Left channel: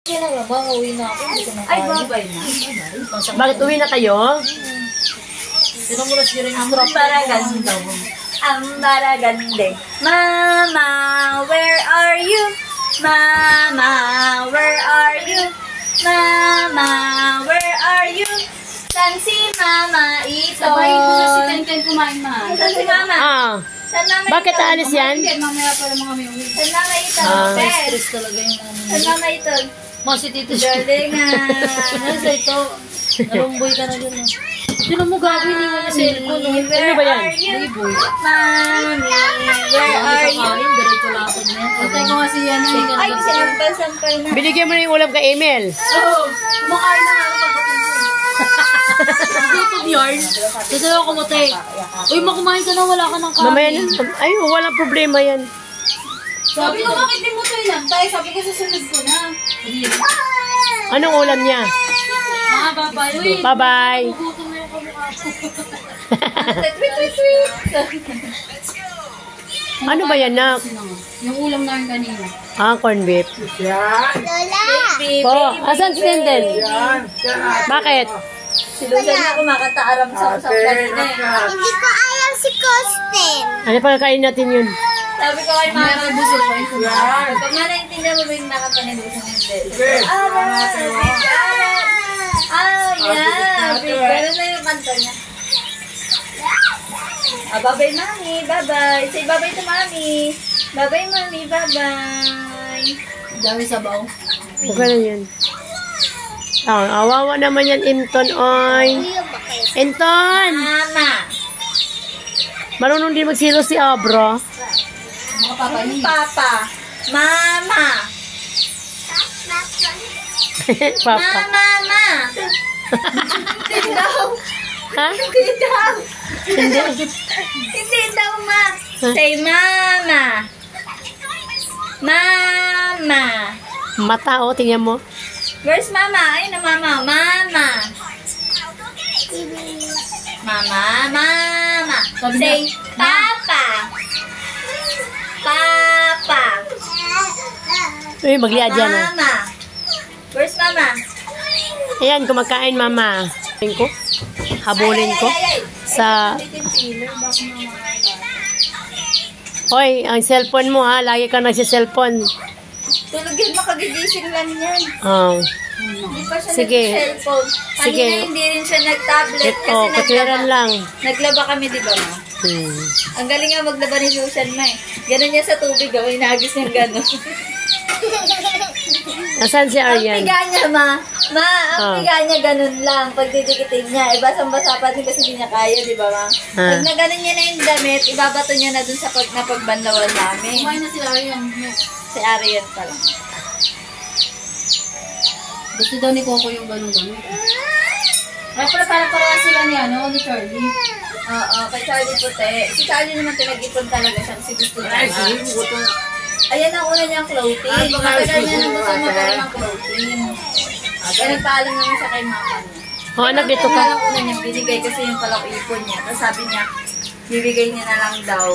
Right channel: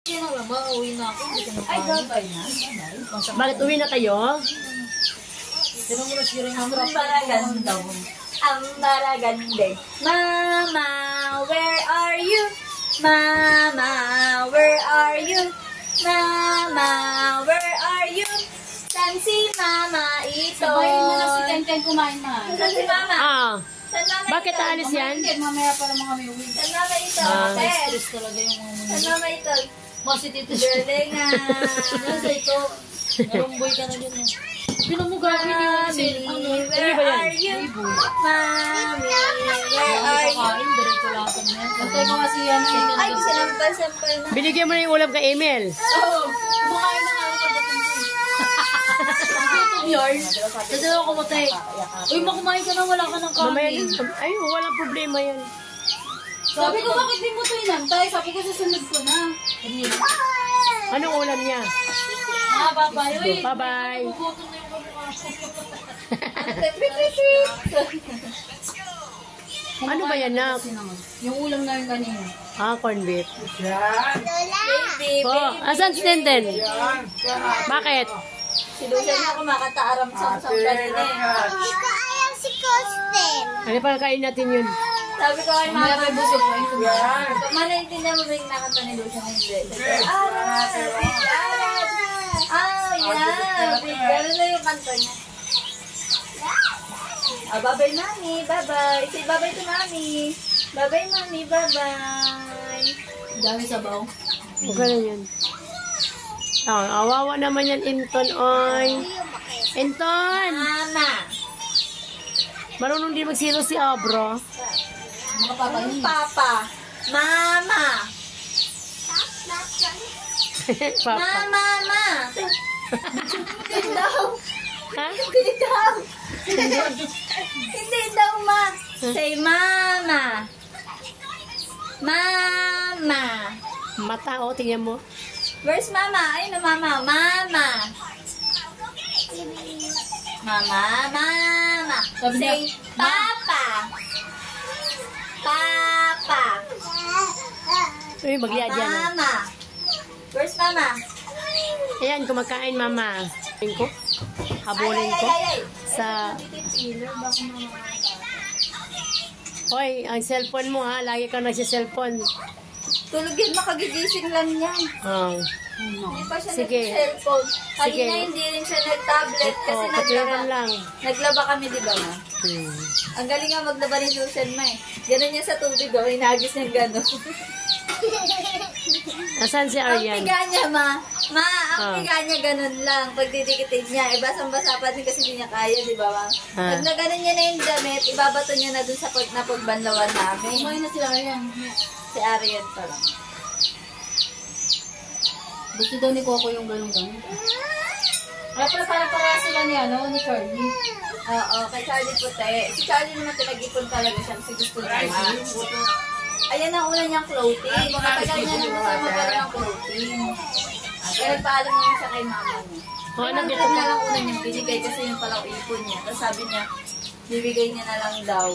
Kaya lang, mama, uwi na ako. Ay, babay na. Bakit uwi na kayo? Pero muna siya rin Ang baraganda mo. Ang baragande. Mama, where are you? Mama, where are you? Mama, where are you? San si Mama ito? Sabayin mo na si Ken kumain, ma. San si Mama? Ah. San Mama Bakit ito? aalis yan? Hindi, mamaya pa naman kami uwi. San Mama ito? Pes. stress talaga yung mama. San Mama ito? Ma, si Tito siya. Galingan. Nasa ito. Narumboy ka na dyan. Sino mo gagawin niya yung cellphone? Where ba yan? are you? Boy. Mami, where are you? Kakain, diretso lakad niya. Patay ko kasi yan. Ay, sinampal-sampal na. Binigyan mo na yung ulam kay Emil. Oo. Kumakain na nga ako pagdating ko. Dito, Bjorn. Dito ako kumutay. Uy, makumain ka na, wala ka ng Mamaya kanin. na. Ay, walang problema yan. Sabi ko, bakit din mo tayo lang? Tayo, sabi ko, susunod ko na. Anong ulam niya? Mga babay. Uy, Bye-bye. gutom na yung kamukha ko. Ano ba yan, nak? Sino nga? Yung ulam namin kanina. Ah, corn beef. Baby, Po, asan si Tenden? Bakit? si Lucian na kumakataaram sa usap kanina eh. Hindi ko ayaw si Costen. Ano pa kakain natin yun? Sabi ko kay Mamaya mama, pa busin ko yung kumain. kung naintindihan mo ba yung nakata ni Lucian hindi? Yeah. Meron na yung kanta niya. Bye-bye, mami. Bye-bye. Say bye-bye to mami. Bye-bye, mami. Bye-bye. Dami sabaw. Okay na yan. Ah, awawa naman yan, Inton, oy. Inton! Mama. Marunong din magsilo si Abra. Mga papayin. Papa. Mama. Papa. Mama. Hindi daw. Ha? Hindi daw. Hindi. Hindi daw, ma. Say mama. Mama. Mata, oh, tingnan mo. Where's mama? Ayun na mama. Mama. Mama. Mama. Sabi niya, Say papa. Papa. Uy, magliad yan, ah. Mama. Where's mama? Ayan, kumakain, mama. Habulin ko. Sa... Hoy, ang cellphone mo, ha? Lagi ka nagsi-cellphone. Tulog yun, makagigising lang yan. Oh. Hindi pa siya Sige. nag-cellphone. Sige. Kanina hindi rin siya nag-tablet kasi Oh, katwiran lang. Naglaba kami, di ba, ma? Ang galing nga maglaba ni Lucian, ma eh. Ganun niya sa tubig, oh. Inagis niyang gano'n. Asan si Ang Aryan? piga niya, ma. Ma, ang Ah. piga niya ganun lang. Pag didikitin niya, basang-basa pa din kasi hindi niya kaya, di ba, ma? Ah. Pag naganon niya na yung damit, ibabato niya na dun sa napagbanlawan namin. Kumain na sila yan. Si Ariel pa lang. Gusto daw ni Coco yung ganun-ganun. Kaya pala para sila ni ano, ni Charlie. Oo, kay Charlie Puti. Si Charlie naman pinag-ipon talaga siya kasi gusto niya. Ayan ang una niyang clothing. Matagal niya nang gusto magkaroon ng clothing. Kaya nagpaalam naman siya kay mama niya. Oh, anak, dito ka. Kaya ang una niyang binigay kasi yung palang ipon niya. Tapos sabi niya, bibigay niya na lang daw.